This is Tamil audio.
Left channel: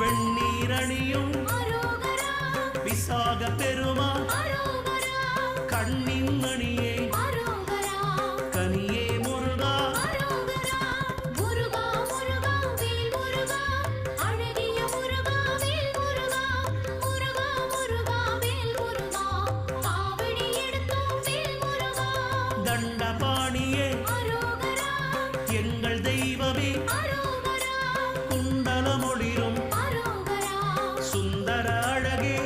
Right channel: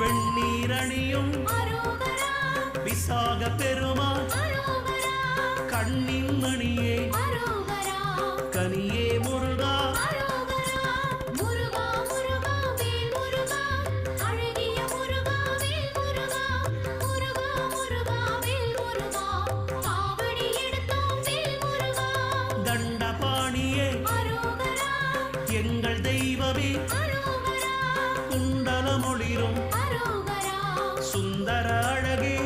வெண்ணீரணியும் விசாக பெருமாள் கண்ணின் மணியே கனியே முருகா தண்டபாணியே எங்கள் தெய்வமே குண்டலமொளிரும் சுந்தர அழகே